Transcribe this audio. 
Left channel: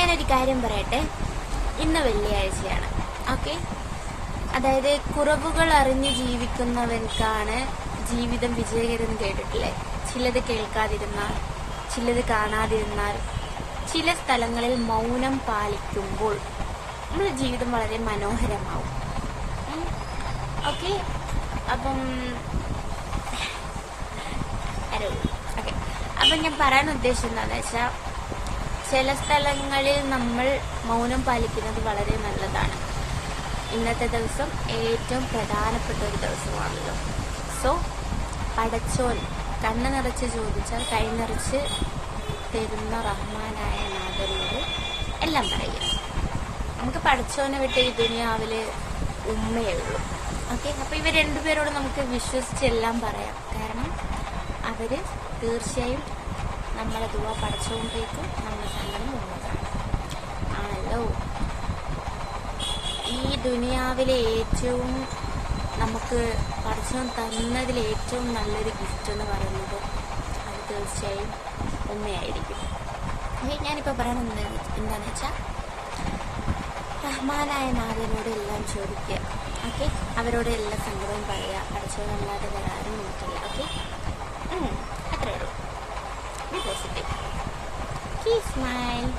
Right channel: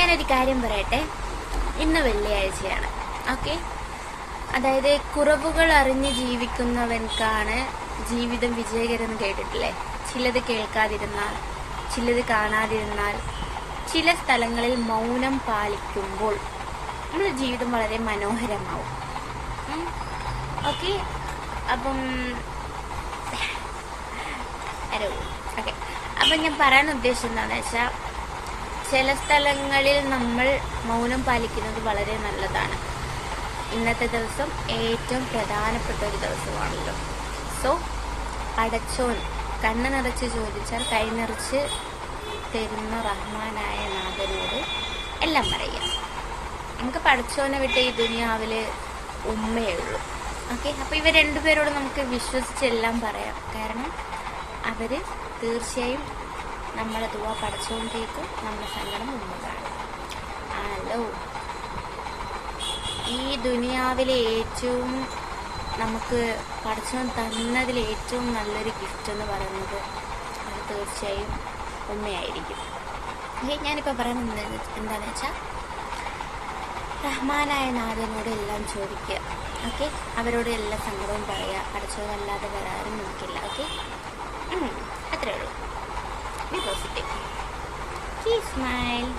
ഞാനൊരു കാര്യം പറയട്ടെ? ഇന്ന് വെള്ളിയാഴ്ചയാണ്. ഓക്കെ? അതായത് കുറവുകൾ അറിഞ്ഞ് ജീവിക്കുന്നവൻക്കാണ് ജീവിതം വിജയകരം കേട്ടിട്ടില്ലേ? ചിലത് കേൾക്കാതിരുന്നാൽ ചിലത് കാണാതിരുന്നാൽ ചില സ്ഥലങ്ങളിൽ മൗനം പാലിക്കുമ്പോൾ നമ്മുടെ ജീവിതം വളരെ മനോഹരമാവും. ഓക്കെ? അപ്പം ഓക്കെ. അപ്പം ഞാൻ പറയാൻ ഉദ്ദേശിച്ചത് എന്താണെന്ന് വെച്ചാൽ ചില സ്ഥലങ്ങളിൽ നമ്മൾ മൗനം പാലിക്കുന്നത് വളരെ നല്ലതാണ്. ഇന്നത്തെ ദിവസം ഏറ്റവും പ്രധാനപ്പെട്ട ഒരു ദിവസമാണല്ലോ. സോ പടച്ചോൻ കണ്ണ് നിറച്ച് ചോദിച്ചാൽ കൈ നിറച്ച് തരുന്ന റഹ്മാനായ നാഥനോട് എല്ലാം പറയാം നമുക്ക് പടച്ചോനെ വിട്ട് ഈ ദുനിയാവിൽ ഉമ്മയേ ഉള്ളൂ. ഓക്കെ അപ്പൊ ഇവർ രണ്ടുപേരോട് നമുക്ക് വിശ്വസിച്ചെല്ലാം പറയാം. കാരണം അവർ തീർച്ചയായും നമ്മളെ ദുവ പഠിച്ചുകൊണ്ടേക്ക് നമ്മുടെ സങ്കടം ഉമ്മതാണ് ആണല്ലോ ഈ ദുനിയാവിലെ ഏറ്റവും നമുക്ക് പഠിച്ചു തന്നതിൽ ഏറ്റവും നല്ലൊരു ഗിഫ്റ്റ് എന്ന് പറയുന്നത് അത് തീർച്ചയായും ഉമ്മയായിരിക്കും. ഞാനിപ്പോൾ പറയുന്നത് എന്താണെന്ന് വെച്ചാൽ റഹ്മാനായ നാഥനോട് എല്ലാം ചോദിക്കുക ഓക്കെ? അവരോട് എല്ലാ സങ്കടവും പറയുക പഠിച്ചതല്ലാതെ വരാനും നോക്കില്ല ഓക്കെ? Kiss smile.